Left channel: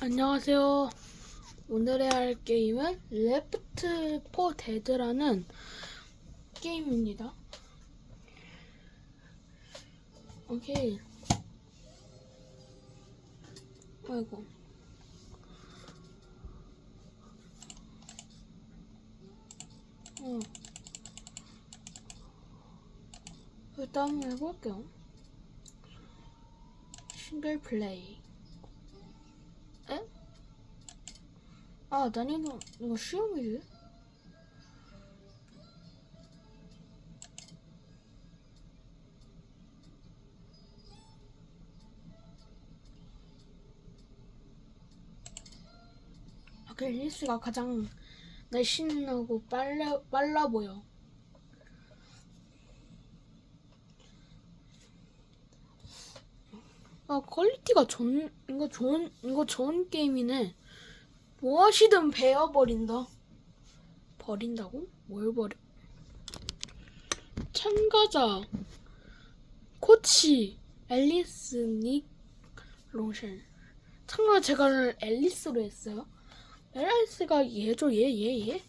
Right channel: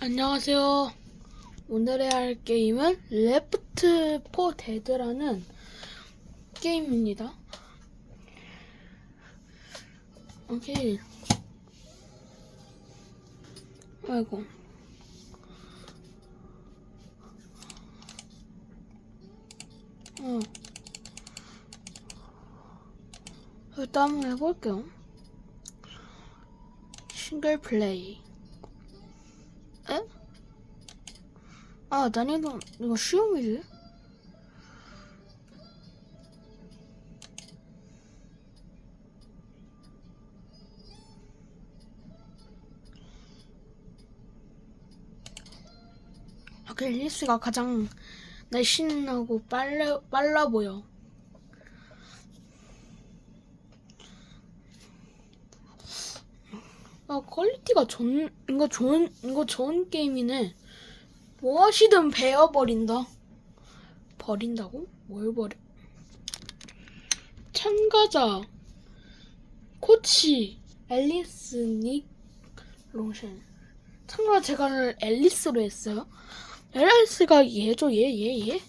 안녕하세요. 오늘의 할 게임은 레프트 포 데드라는 게임입니다. 오케이. 아이고. 어. 일단 해볼게요. 싱글 플레이. 아, 난이도 이거 쉬움이지? 아, 그 앨리스가 가장 날씬하고 빨라, 빨라 보여. 아, 퀄리티가 좋은, 이거 좋은, 이거 좋은 게임이네. 무엇이든 베어버린다. 버린다고? 뭘 버려? 참가자, 코치, 앨리스, 닉, 롱션. 참가 제가 앨리스로 했어요. 앨리스가 얘죠, 얘, 얘, 얘?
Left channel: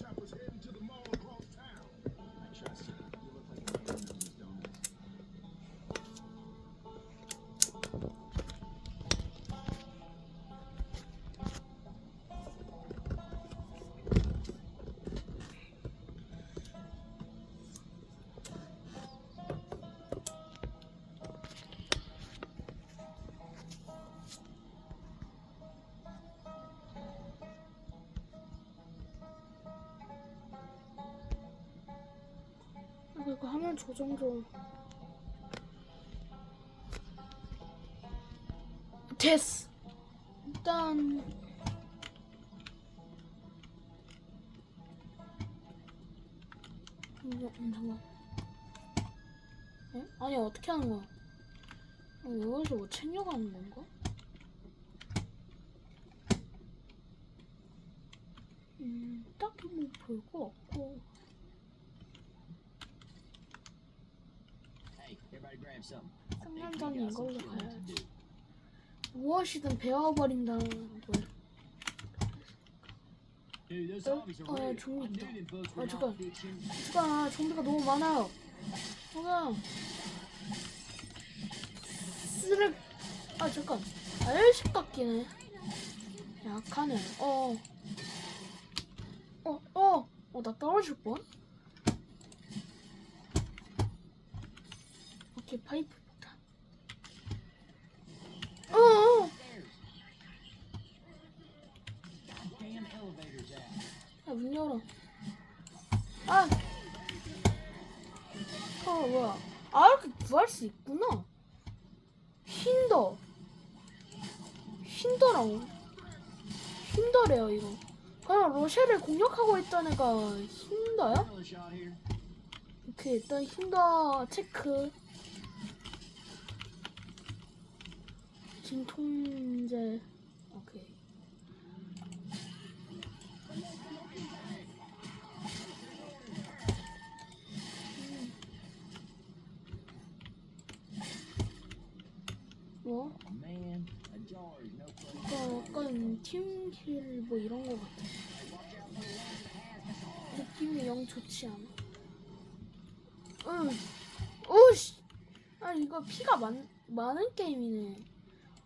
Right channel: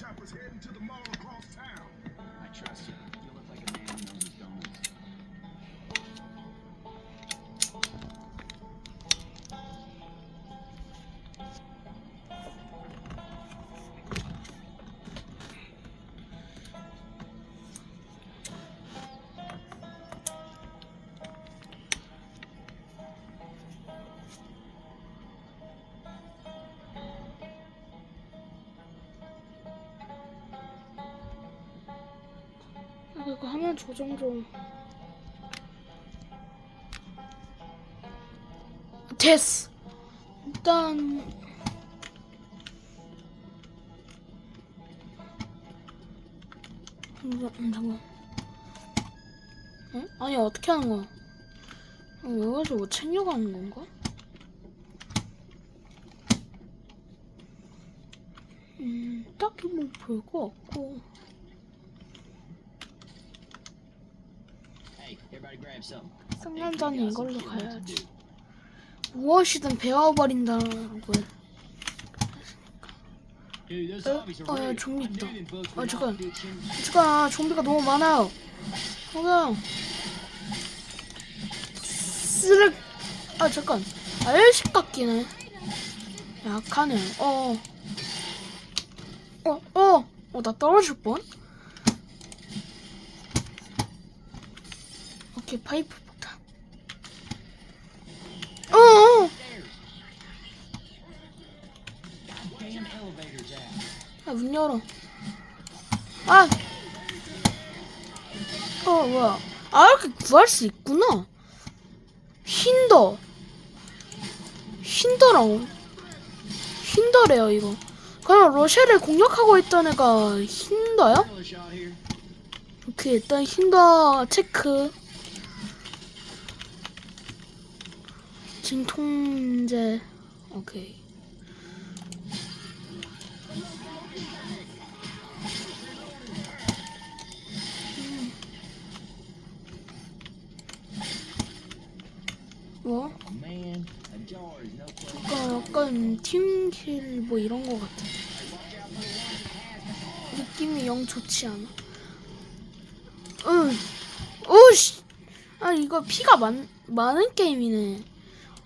Chopper's heading to the mall 화면 조정 좀. 됐어. 일단 음, 음, 잠깐. 응? 아니 어떻게 하는 거야? 어, 여기서 뭐 챙겨가는 건가? 음, 딱히 뭐 볼 거 없고. Hey, everybody grab something. 상남자는 이걸로 가야지. 무엇이든 배워버린다는 those 어? 어, 야. 좀비 있다. 아, 잠깐. 잠깐 좀비가 너무 많아요. 그냥 쓰레. 아 잠깐. 아열식 같기네. 약하네. 어. 어 어. 어 나 떨어질 뻔. 오케이 파이프 폭탄. 어. 어. Stairs. Goddamn elevator's out. 아, 문 열어. 아! 어, 뭐야. 아, 이렇게 구할 수 있구나. 힌더. 힌더라고. 힌더래요, 이거. 그럼 러시아를 공격하고 있던 애가 here. 오케이, 일단 힌더 체크. 진통제. 오케이. 뭐? 약간 팀킬 뭐 이런 거 같아. 느낌이 영 좋지 않아. 응. 오씨. 아 이거 피가 많 많은 게임이네.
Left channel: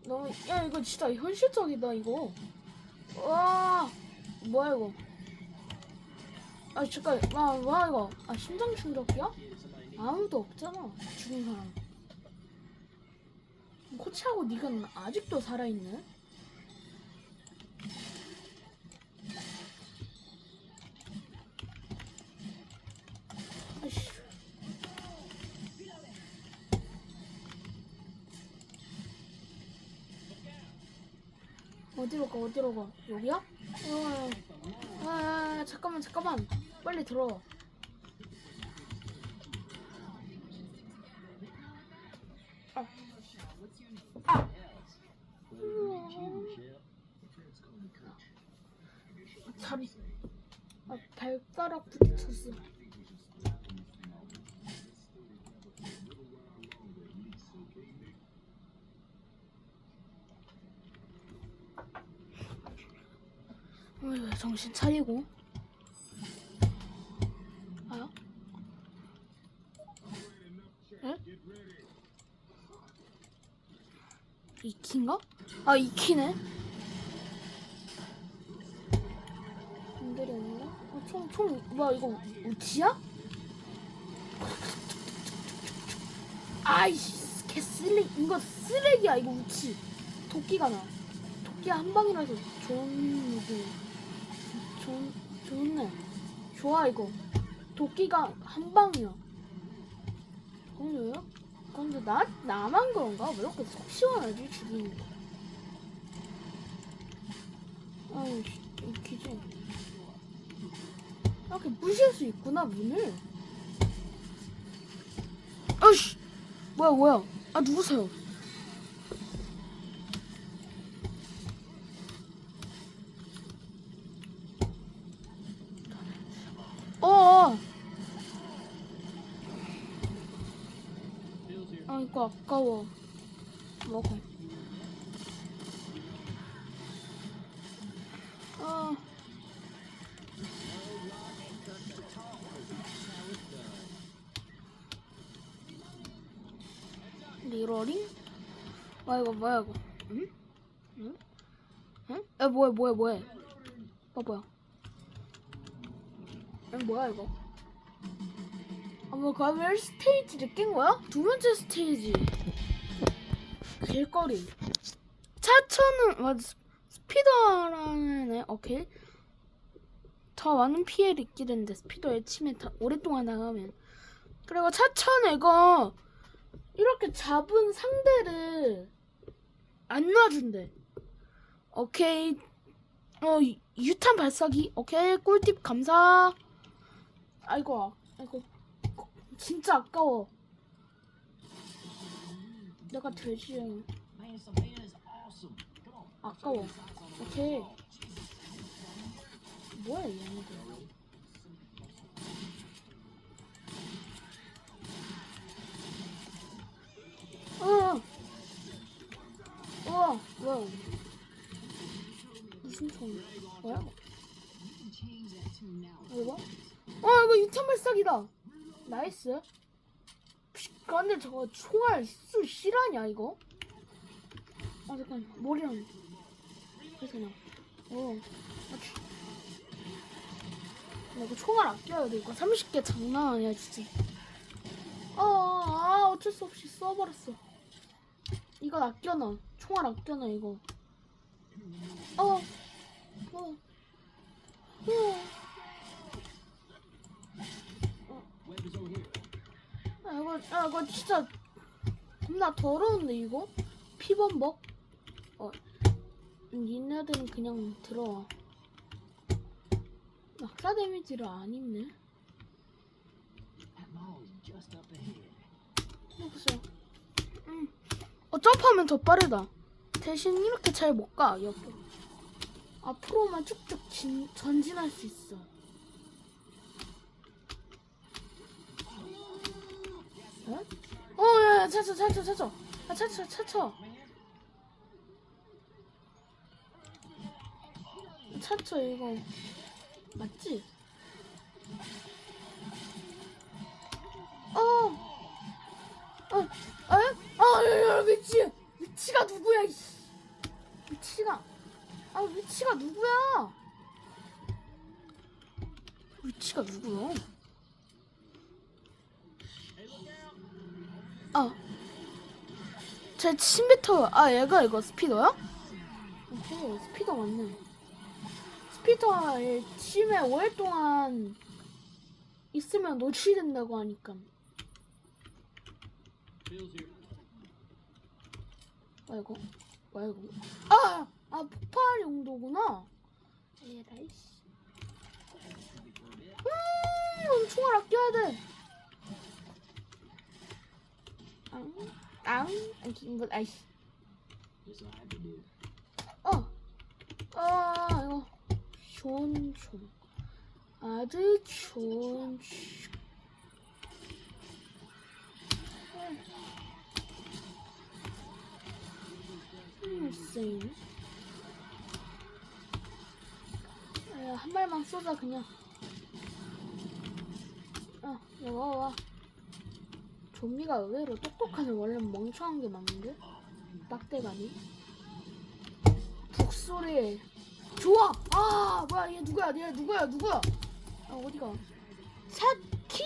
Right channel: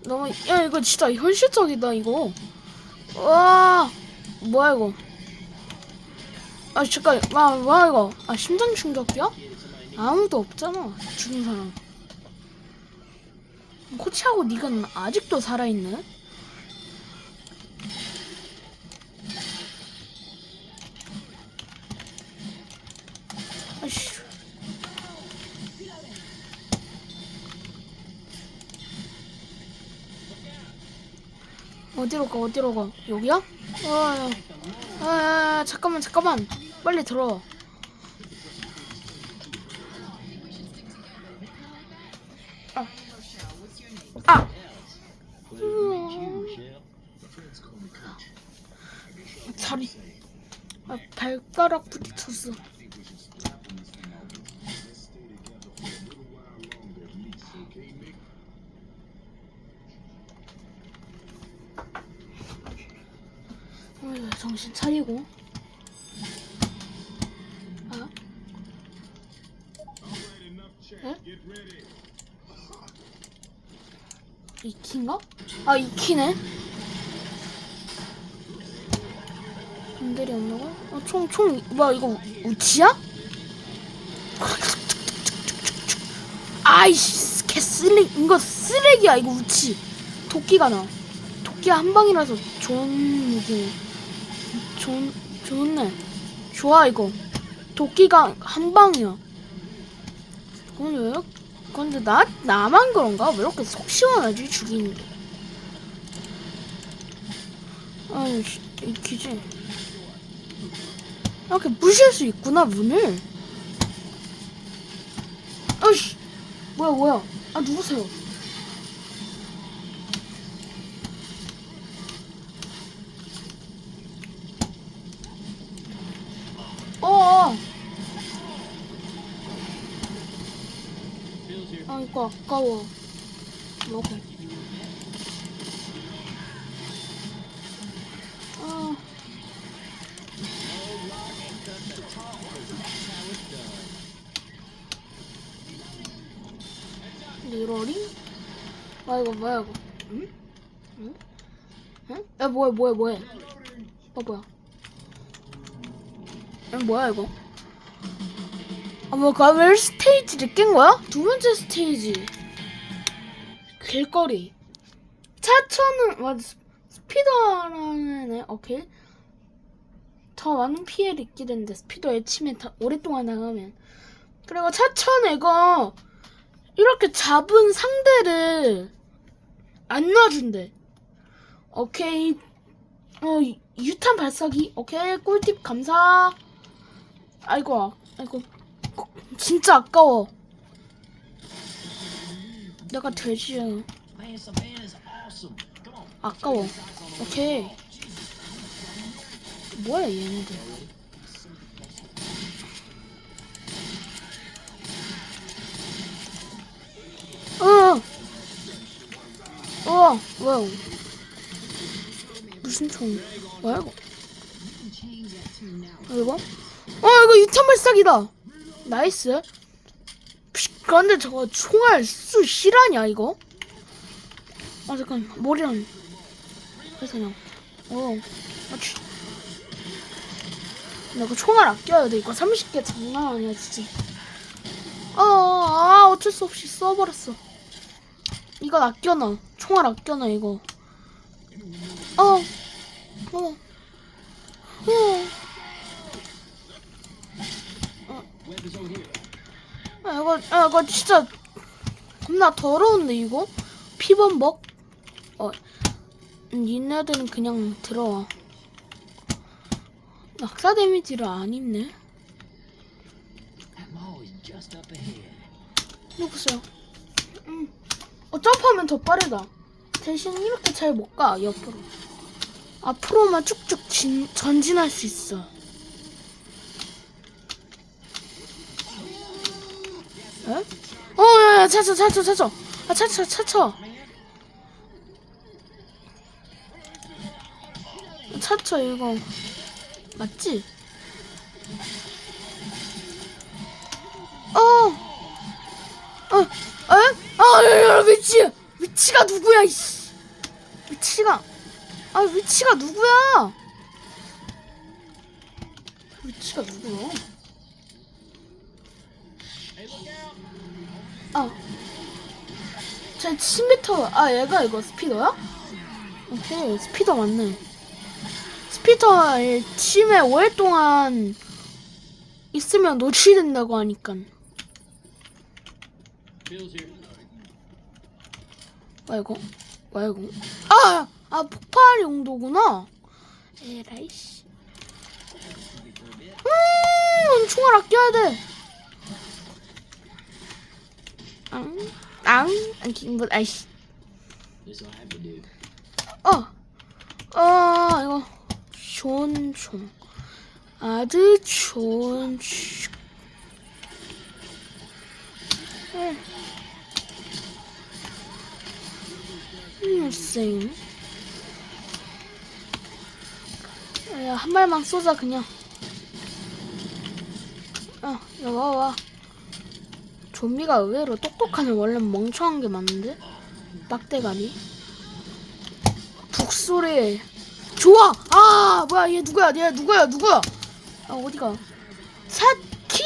너무 야 이거 진짜 현실적이다 이거. 와 뭐야 이거? 아 잠깐 와 뭐야 이거? 아 심장 충격이야? 아무도 없잖아 죽은 사람. 코치하고 닉은 아직도 살아있네? 어디로 가 어디로 가 여기야? 아, 아, 아, 아 잠깐만 잠깐만 빨리 들어와. 아. 아, 아. 자리 아 발가락 부딪혔어 정신 차리고. 아? 에? 이 키인가? 아 이 키네. 안들이 없나가? 어, 총, 총, 뭐야, 이거 우- 우치야? 아이씨, 개 쓰레기, 이거 쓰레기야, 이거 우치. 도끼가 나. 도끼 한 방이라서 좋은 무기네. 좋, 좋네. 좋아, 이거. 도끼가 한 방이야. 근데 왜, 근데 나, 나만 그런가? 왜 이렇게 속 시원하지, 죽이는 게. 아이씨, 이키지. 이렇게 부실 수 있구나 문을. 어이씨, 뭐야 뭐야? 아 누구세요? 아까워. 먹어. 아. 리로링? 아 이거 뭐야 이거? 응? 응? 응? 야 뭐야 뭐야 뭐야? 어 뭐야? 야 뭐야 이거? 아뭐 가멜 스테이지를 깬 거야? 두 번째 스테이지. 길거리. 차차는 맞아 스피더라는 애 오케이. 더 많은 피해를 입게 되는데 스피더에 침에 다 오랫동안 나가면 그리고 차천 애가 이렇게 잡은 상대를 안 놔준대. 오케이. 어, 유- 유탄 발사기. 오케이. 꿀팁 감사. 아이고, 아- 아이고. 거- 진짜 아까워. 내가 돼지야. 아까워. 오케이. 뭐야, 얘네들. 어. 어, 뭐야? 무슨 총? 뭐야 이거? 어, 이거? 어, 이거 유탄 발사기다. 나이스. 피, 그런데 저거 총알 수 실하냐 이거? 아 잠깐 머리랑 그냥. 어, 아치. 나 이거 총알 아껴야 돼. 이거 30개 장난 아니야 진짜. 어, 아 어쩔 수 없이 써버렸어. 이건 아껴놔. 총알 아껴놔 이거. 어, 어, 어. Weapons over here. 아 이거, 아 이거 진짜 겁나 더러운데 이거? 피범벅? 어, 니네들은 그냥 들어와. 낙사 데미지를 안 입네. 이거 보세요. 음. 어, 점프하면 더 빠르다. 대신 이렇게 잘 못 가, 옆으로. 앞으로만 쭉쭉 진, 전진할 수 있어. 에? 어, 차차, 차차, 차차. 아, 차차, 차차. 차차, 이거. 맞지? 어! 어, 야, 야, 위치! 위치가 누구야, 이씨! 위치가, 아, 위치가 누구야? 위치가 누구야? 아, 제 침뱉어. 아, 얘가 이거 스피더야? 오케이, 스피더 맞네. 스피더의 침에 오랫동안 있으면 노출된다고 하니까. 뭐야 이거? 아! 아 폭발 용도구나. 에라이씨. 음, 총알 아껴야 돼. 앙, 앙, 앙, 뭐, 아이씨. This will have to do. 어, 어, 이거 좋은 총, 아주 좋은 총. 응. 음, 쌩. 야, 한 발만 쏘자 그냥. 어, 야, 와, 와. 좀비가 의외로 똑똑하네. 원래 멍청한 게 맞는데? 빡대가리. 북소리. 좋아! 아, 뭐야, 얘 누구야? 얘 누구야? 누구야? 아, 어디가? 사키?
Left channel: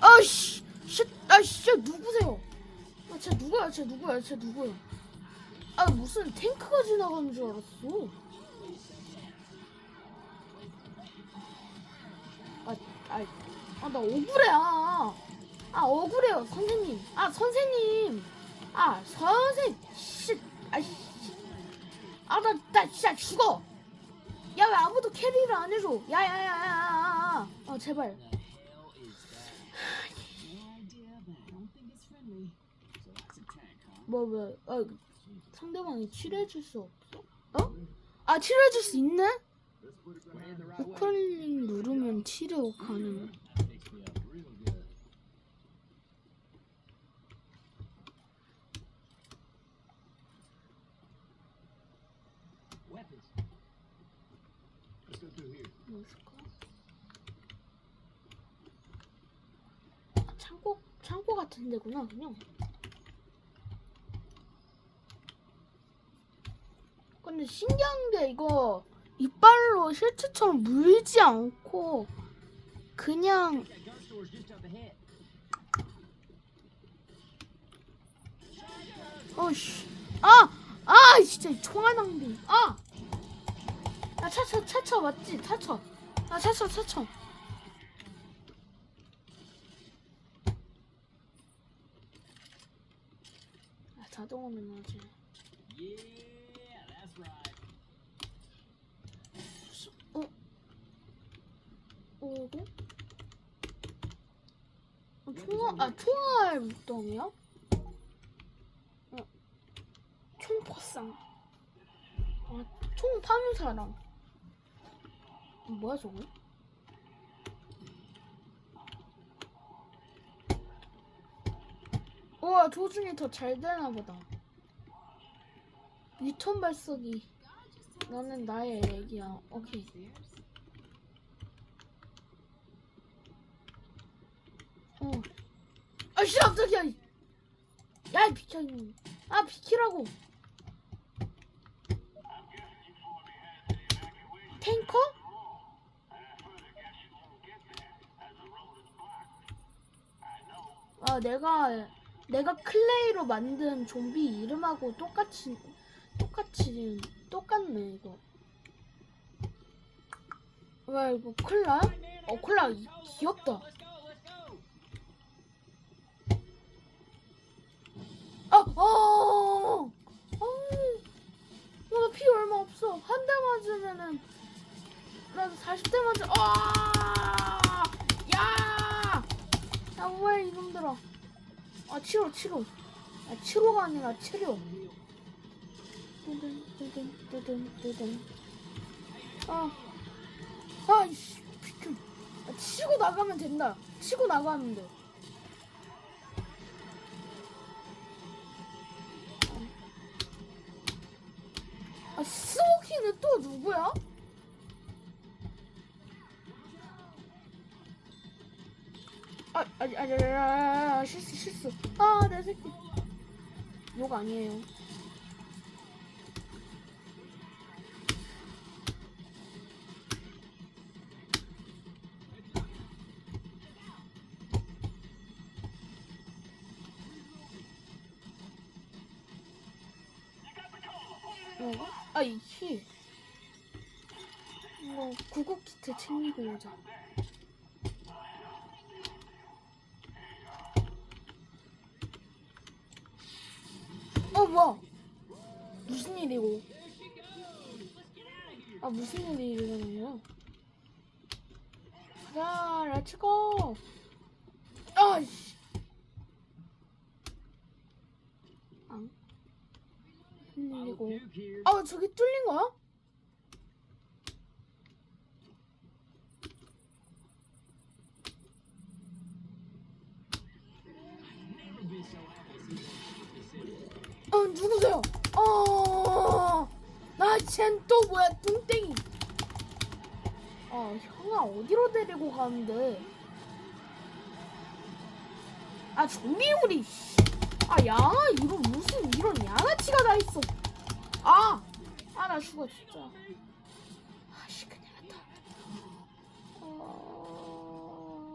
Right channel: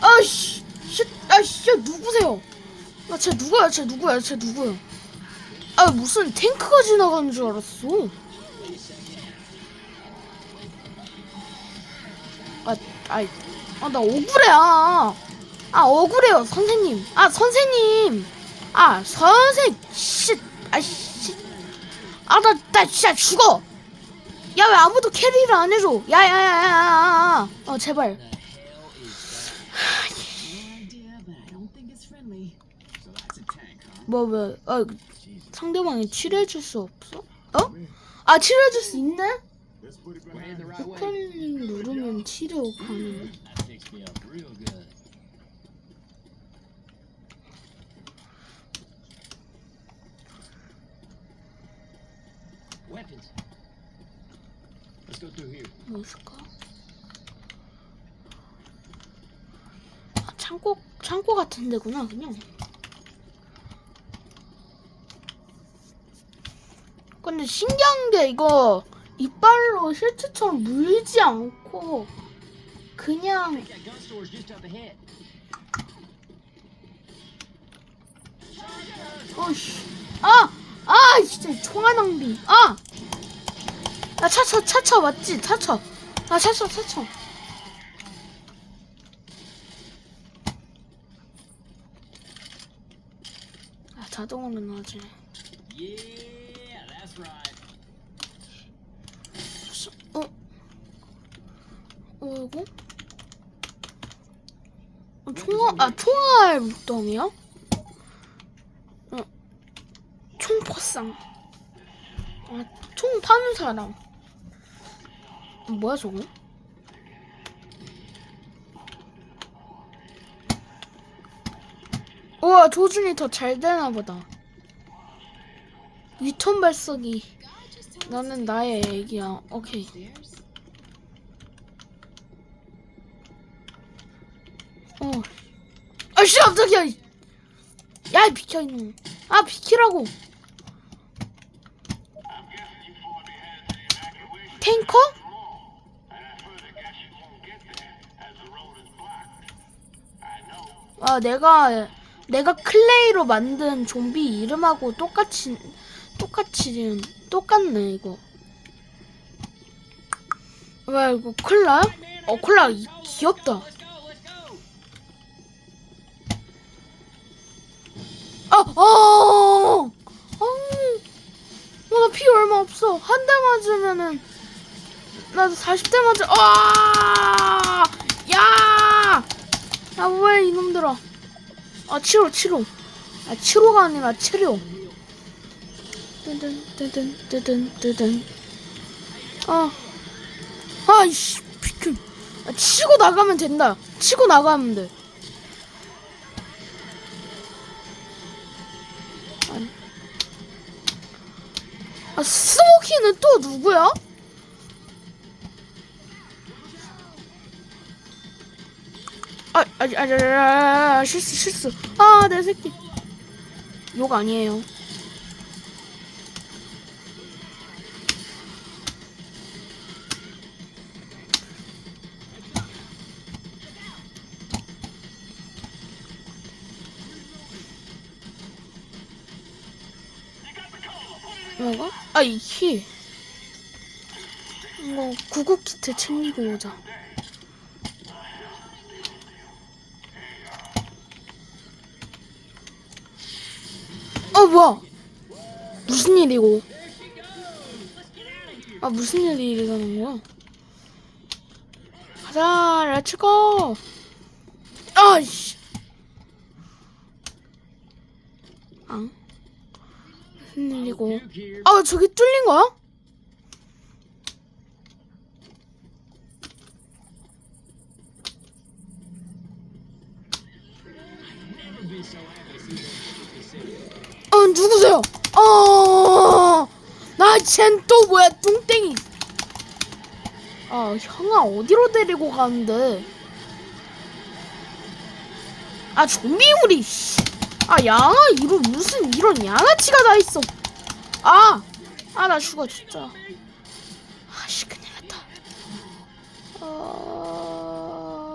아씨, 씨, 아씨, 누구세요? 아, 쟤 누구야? 쟤 누구야? 쟤 누구야? 아, 무슨 탱크가 지나가는 줄 알았어. 아, 아이, 아, 나 억울해, 아. 아, 억울해요, 선생님. 아, 선생님. 아, 선생, 씨, 아, 씨. 아, 나, 나 진짜 죽어. 야, 왜 아무도 캐리를 안 해줘? 야, 야, 야, 야, 야, 야. 어, 제발. 뭐, 뭐, 아. 상대방이 치료해줄 수 없어? 어? 아, 치료해줄 수 있네? 포켓링 누르면 치료 가능. Picks me up real good. Weapons. Let's go through here. 뭐 있을까? 아, 창고, 창고 같은 데구나, 그냥. 근데 신기한 게 이거 이빨로 실제처럼 물지 않고 그냥. 어씨 아! 아 진짜 총알 낭비 아! 아 차차 차차 맞지 차차 아 차차 차차 아 자동으로 나지 right. 어? 어 이거? 아 총알 물동이야? 어 총포상. 아, 총 파는 사람. 뭐야 저거? 우와 조준이 더 잘 되나 보다. 유턴 발사기 나는 나의 애기야. 오케이 아씨 깜짝이야. 야 비켜 이놈. 아 비키라고. 탱커? 아 내가 내가 클레이로 만든 좀비 이름하고 똑같이 똑같이 똑같네 이거. 왜 이거 콜라? 어 콜라 이- 귀엽다. 맞으면은 나도 40대 맞아. 아, 야, 야, 왜 이놈들아? 아, 치료, 치료. 아, 치료가 아니라 치료. 뜨든, 뜨든, 뜨든, 뜨든. 아, 아이씨, 비켜. 아, 치고 나가면 된다. 치고 나가면 돼. 아, 스모키는 또 누구야? 아, 아, 아, 아, 아, 아, 실수, 실수. 아, 내 새끼. 욕 아니에요. 키트 챙기고 오자. 어, 뭐야? 무슨 일이고? 아, 무슨 일이 일어나는 거야? 가자, 렛츠고! 아이씨! 흔들리고. Duke here. 아 저기 뚫린 거야? 어 누구세요? 어, 어나쟨또 뭐야 뚱땡이. 아 형아 어디로 데리고 가는데? 아. 씨. 아 양아 이런 무슨 이런 양아치가 다 있어. 아, 아 나 죽어 진짜. 아씨 큰일 났다. 어...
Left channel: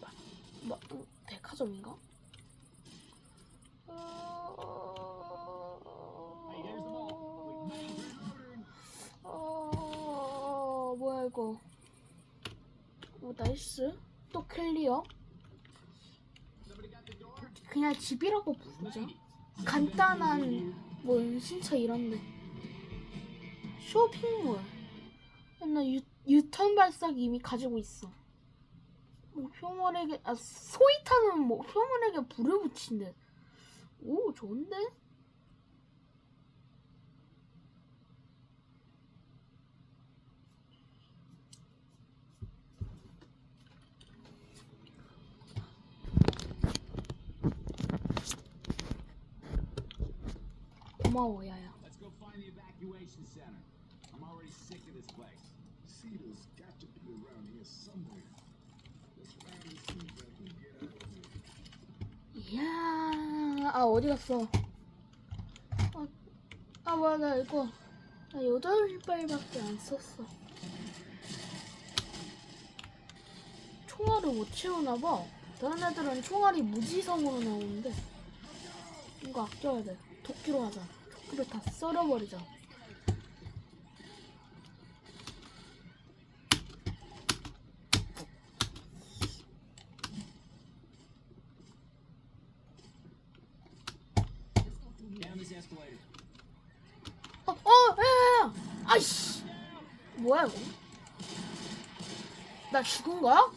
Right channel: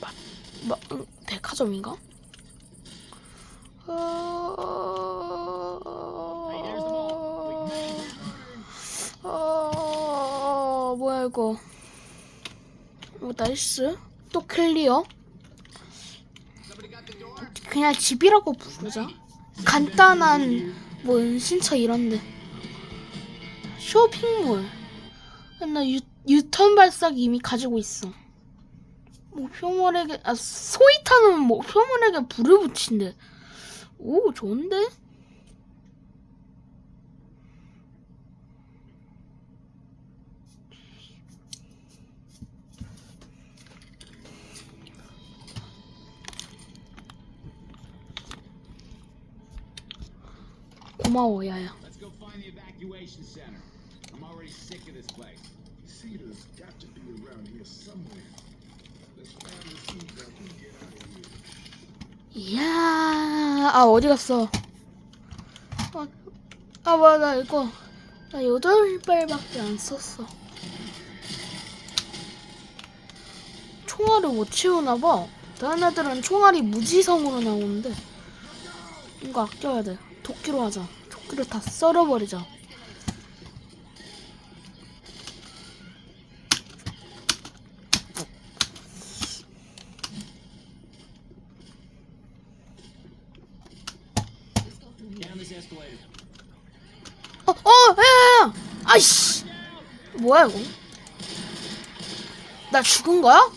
마, 마, 음, 백화점인가? 어, 뭐야 이거? 어, 나이스. 또 클리어. 그냥 집이라고 부르자. 간단한 뭐 신차 이런데. 쇼핑몰. 나 유, 유턴 발사기 이미 가지고 있어. 목표물에게 아 소이타는 목표물에게 불을 붙인대. 오 좋은데? 고마워 야야. 이야, 아 어디 갔어? 아, 아 맞아 이거 나 여덟 발밖에 안 썼어. 총알을 못 채우나 봐. 다른 애들은 총알이 무지성으로 나오는데 이거 아껴야 돼. 도끼로 하자. 도끼를 다 썰어버리자. Down this escalator. 어, 어, 야야야! 아이씨! 뭐야 이거? 나 죽은 거야?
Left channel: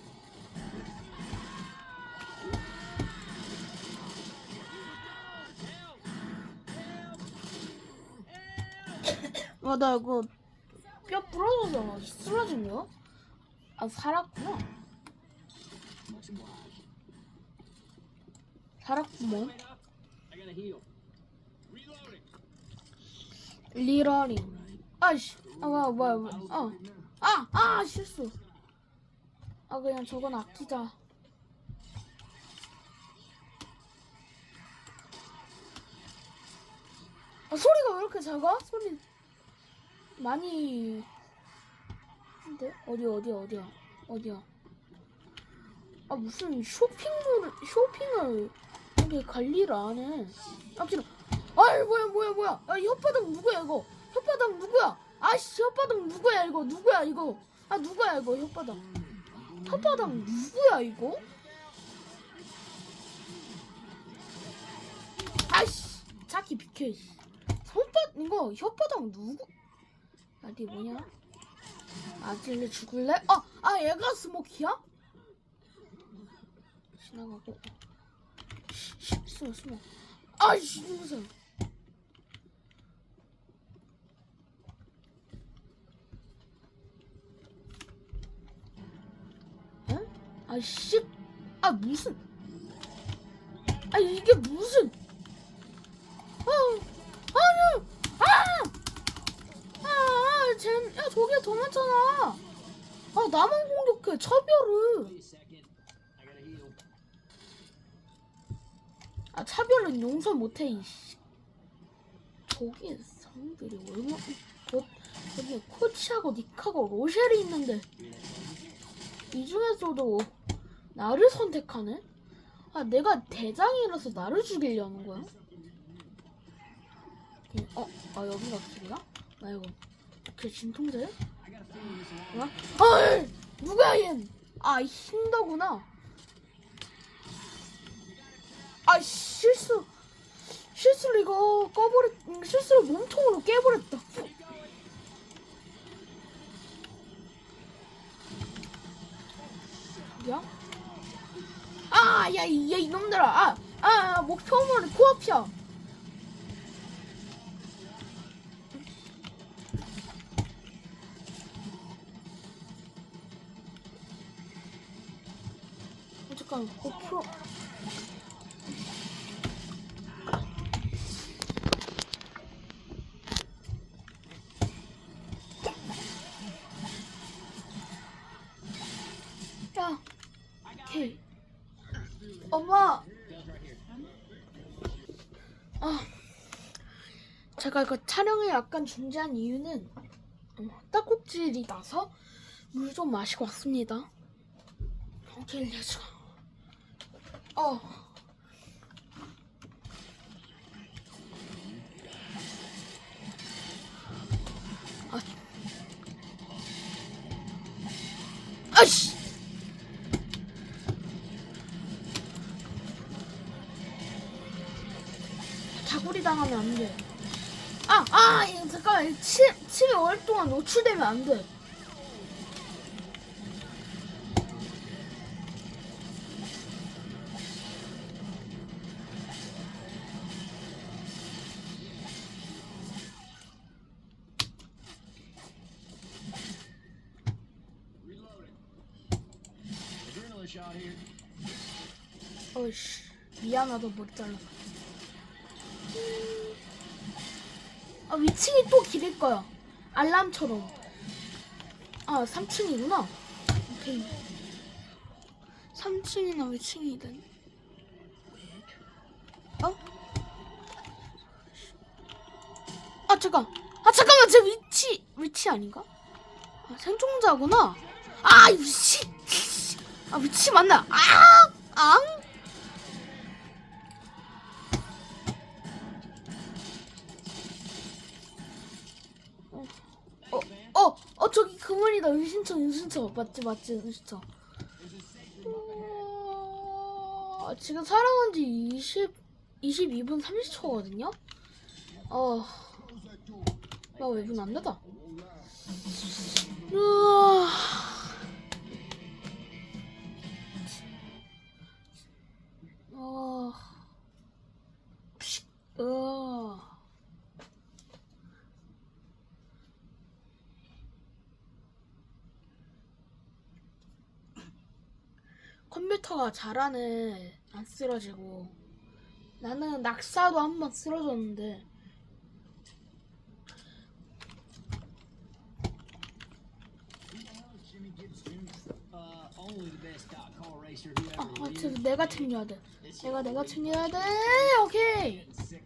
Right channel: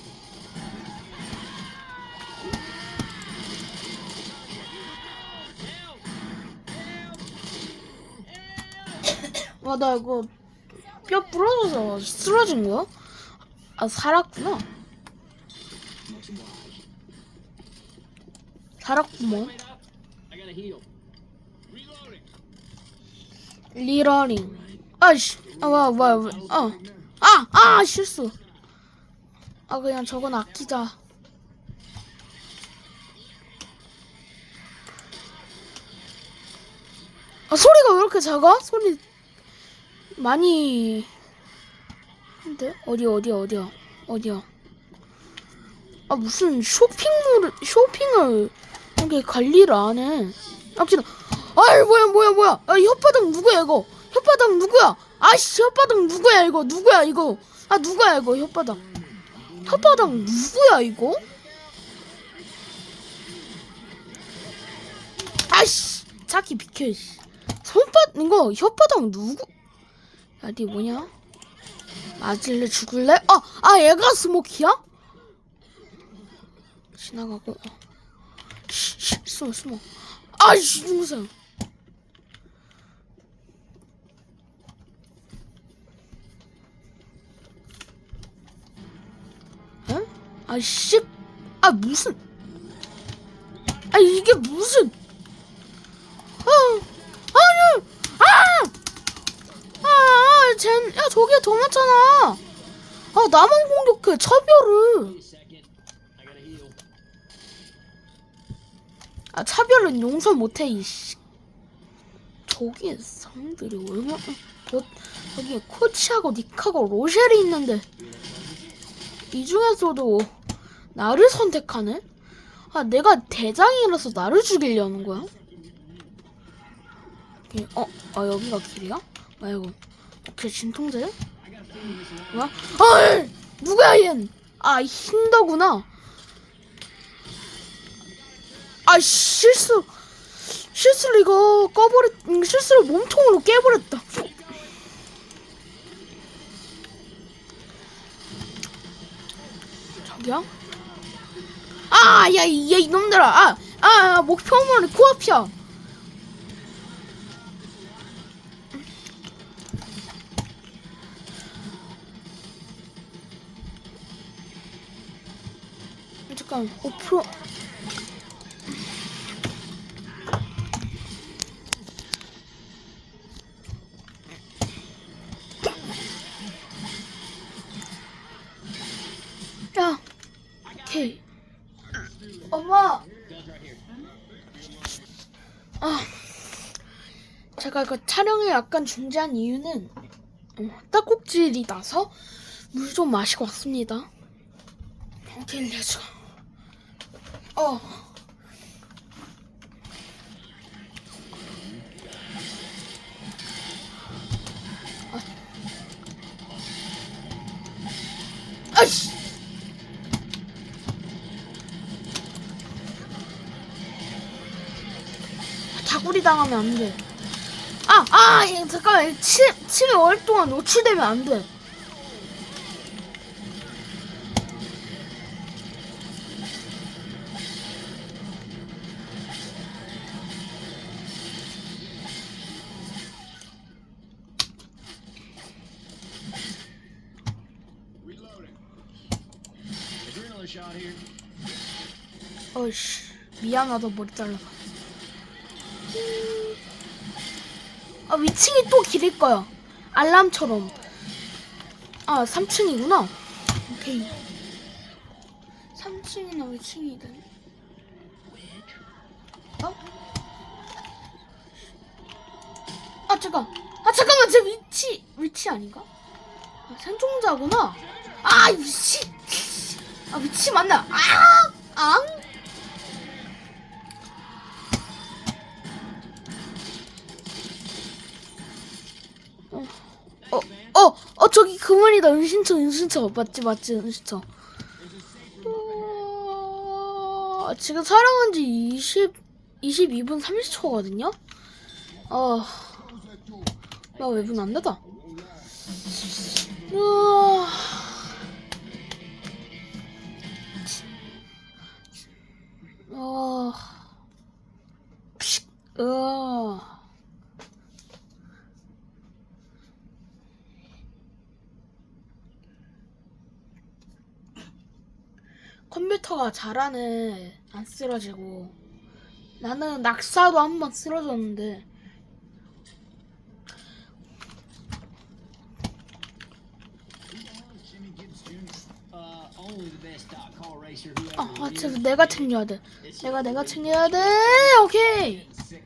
와, 나 이거 뼈 부러져서 쓰러진 거야? 아, 살았구나. 살았구먼. 리러링. 아이씨. 아, 뭐야, 뭐야, 뭐야. 어. 아, 아, 실수. 아, 그냥 저건 아끼자. 아, 소리가 왜 이렇게 작아? 소리 많이. 근데 어디 어디 어디야? 어디야? 아 무슨 쇼핑몰 쇼핑을 이렇게 관리를 안 해? 아끼다. 아이 뭐야 뭐야 뭐야? 아 혓바닥 누구야 이거? 혓바닥 누구야? 아씨 혓바닥 누구야 이거? 누구야 이거? 아 누구야 이거 혓바닥? 혓바닥 누구야 이거? 아씨 자기 비켜. 씨. 손바닥 이거 혓바닥 누구? 야니 뭐냐? 맞을래 죽을래? 아, 아 얘가 스모키야? 지나가고 어. 씨, 씨, 숨어 숨어 아이씨 중상 응? 아이씨 아 무슨 아 이게 무슨 아 아니 아 아, 쟨, 야, 저기에 더 많잖아. 아, 나만 공격해, 차별을. 아, 차별은 용서 못해, 이씨. 저기에 사람들이 얼마나, 저, 저기에 코치하고 닉하고 로셸이 있는데, 이 중에서도 나를 선택하네? 아, 내가 대장이라서 나를 죽이려는 거야? 이- 어, 아, 여기가 길이야? 아이고. 오케이, 진통제? 뭐야? 어이! 누구야 얜? 아 힌더구나. 아 실수 실수를 이거 꺼버렸 음, 실수를 몸통으로 깨버렸다. 저기야? 아 아, 야, 이, 야, 이놈들아. 아, 아, 목표물은 코앞이야. 잠깐, 5%. 제가 그 촬영을 약간 중지한 이유는 어, 딱꼭질이 나서 물 좀 마시고 왔습니다. 오케이, 렛츠. 어. 아. 아이씨. 다구리 당하면 안 돼. 아, 아, 예, 잠깐만. 침, 침이 오랫동안 노출되면 안 돼. 어이씨. 미안하다, 머리 잘라. 아, 위층이 또 길일 거야. 알람처럼. 아, 3층이구나. 오케이. 3층이나 위층이든. 어? 아, 잠깐. 아, 잠깐만. 제 위치, 위치 아닌가? 아, 생존자구나. 아, 위치. 아, 위치 맞나? 아! 앙? 그만이다. 은신처, 은신처. 맞지, 맞지, 은신처. 우와, 지금 촬영한 지 20, 22분 30초거든요? 어, 나왜분안 닫아? 우와. 어, 픽, 으아. 컴퓨터가 잘하네. 안 쓰러지고. 나는 낙사도 한 번 쓰러졌는데. Uh, 아, 아. 저 내가 챙겨야 돼. 내가 내가 챙겨야 돼. 오케이. Sick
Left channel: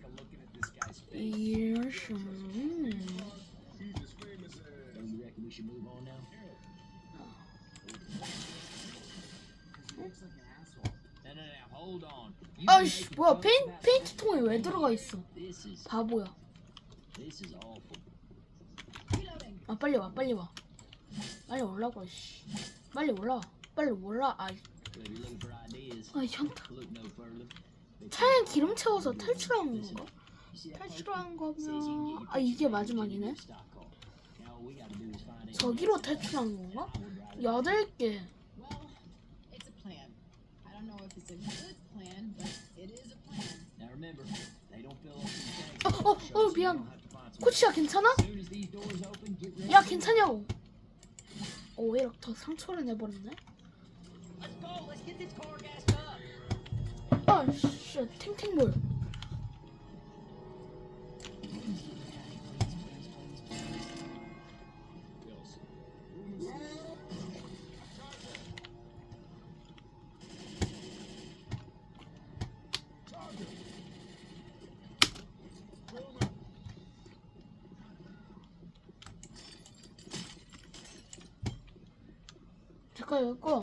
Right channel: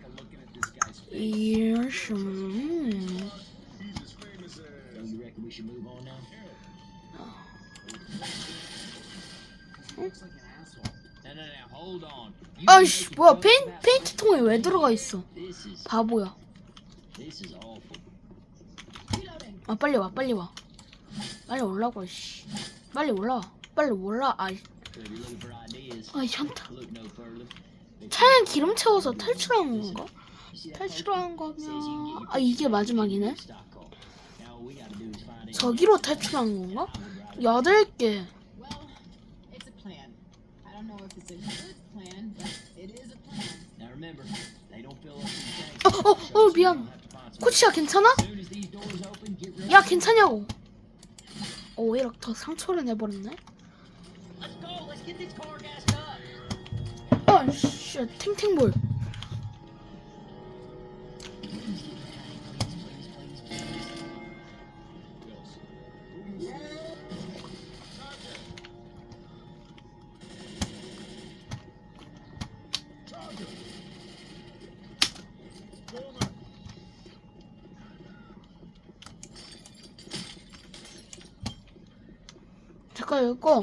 아이씨, 뭐야? 페인 about 페인트 something? 통에 왜 들어가 있어? 바보야. 아 빨리 와, 빨리 와. 빨리 올라고. 씨. 빨리 올라. 빨리 올라. 아, So if you're looking for ideas, 아 현타. look no further. 차에 기름 채워서 탈출하는 건가? 탈출한 거면 아 이게 마지막이네. 저기로 탈출한 건가? 여덟 개. Well, it's a plan. I don't know if it's a good plan, but it is a plan. Now remember, they don't fill up these 어, tanks. 어, 어, 미안. 코치야 괜찮아? As soon as these doors open, get ready. 야 괜찮냐고. 어, 오히려 더 상처를 내버렸네. Let's go. Let's get this car gassed up. 아, 씨, 탱탱볼. 잠깐 이거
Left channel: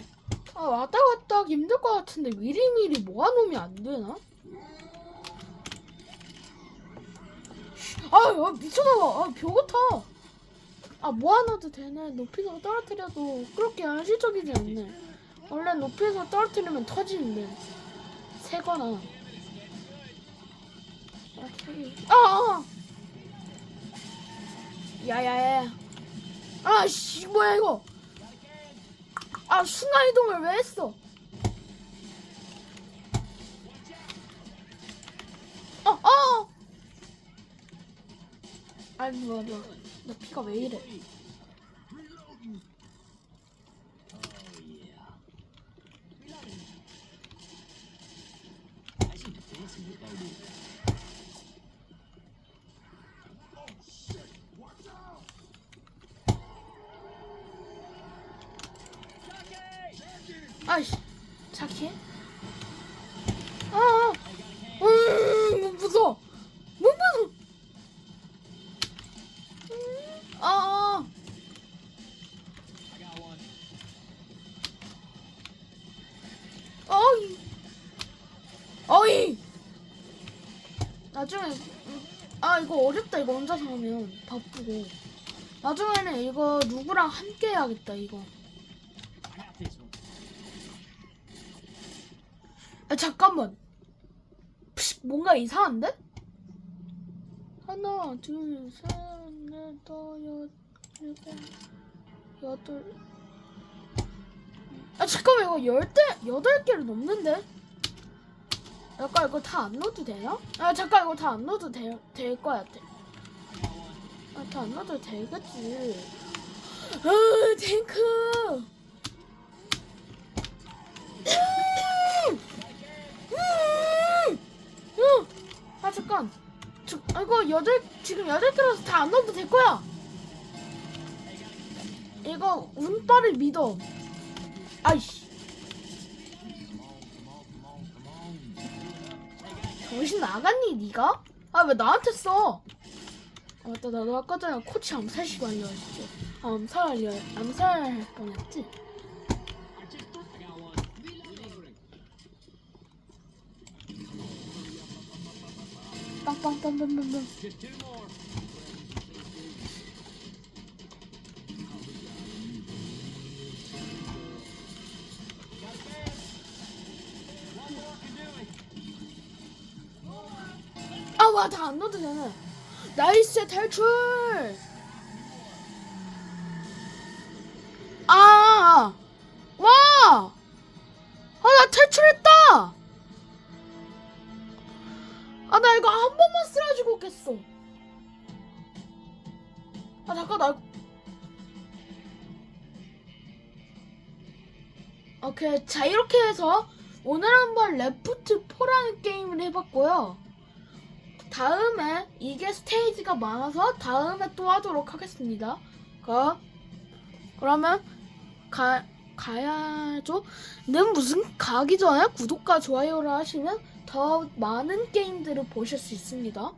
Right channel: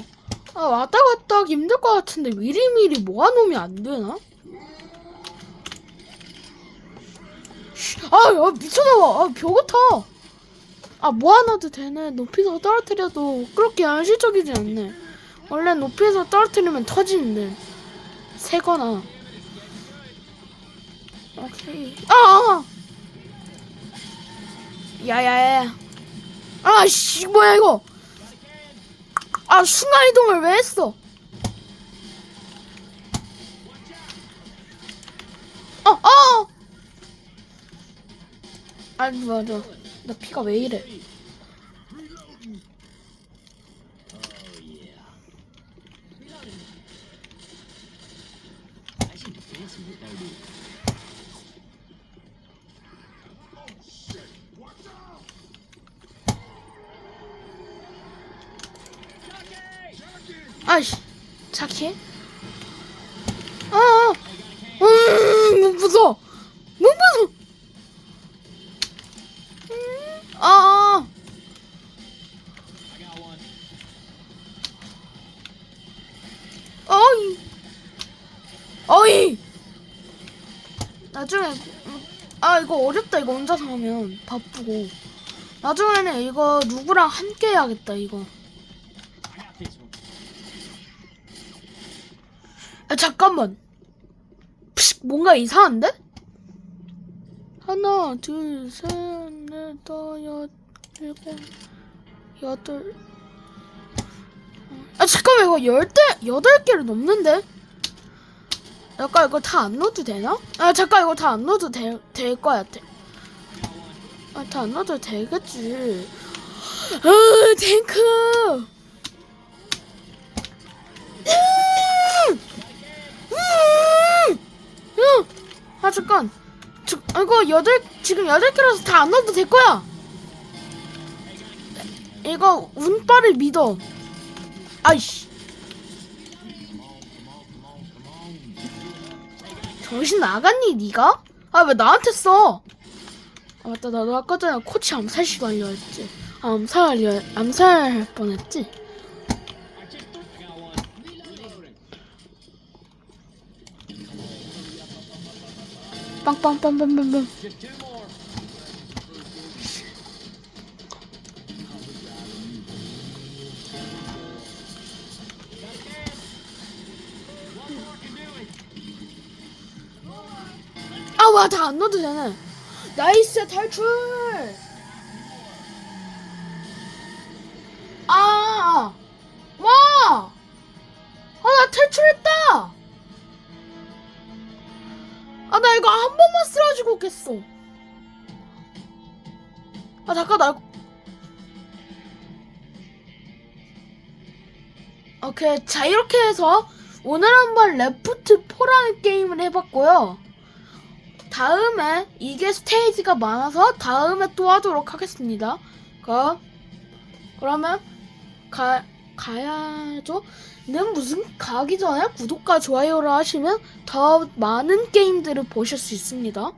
아 왔다 갔다 하기 힘들 것 같은데 미리미리 모아놓으면 안 되나? 아, 야, 미쳐나와. 아, 벽 같아. 아, 모아놔도 되네. 높이서 떨어뜨려도 그렇게 현실적이지 않네. 원래 높이서 떨어뜨리면 터지는데. 새거나. 오케이. 아! 아. 야야야. 아, 씨, 뭐야, 이거. 아 순간 이동을 왜 했어? 어 어. 아니 맞아. 나 피가 왜 이래? 아이씨. 자키? 아. 아. 음, 무서워. 너무 무서워. 음, 아. 아. 어이. 어이. 나중에 음, 아 이거 어렵다 이거 혼자서 하면 바쁘고 나중에는 이거 누구랑 함께 해야겠다 이거 I got this one. 아 잠깐만 픽, 뭔가 이상한데? 하나 둘 셋 넷 다섯 여섯 일곱 여덟 아 잠깐만 이거 열대 여덟 개를 넘는데? 잠깐 이거 다 안 넣어도 되나? 아 잠깐 이거 다 안 넣어도 될, 될 거야 돼. I got one. 아, 다 안 넣어도 되겠지. 아, 탱크! 음! 음! 음! 아, 잠깐. 저, 아, 이거 여덟, 지금 여덟 개라서 다 안 넣어도 될 거야. 이거 운빨을 믿어. 아이씨. 정신 나갔니, 니가? 아, 왜 나한테 써? 아, 맞다, 나도 아까 전에 코치 암살 시도 알려했지. 아, 암살 암살 뻔했지. I just I got one. Reloading. 빵빵빵빵빵빵. Just two more. Got a can. One more can do it. 아, 와, 다 안 넣어도 되네. 나이스, 탈출! 해서 오늘 한번 레프트 4라는 게임을 해봤고요. 다음에 이게 스테이지가 많아서 다음에 또 하도록 하겠습니다. 그 그러면 가 가야죠. 는 무슨 가기 전에 구독과 좋아요를 하시면 더 많은 게임들을 보실 수 있습니다.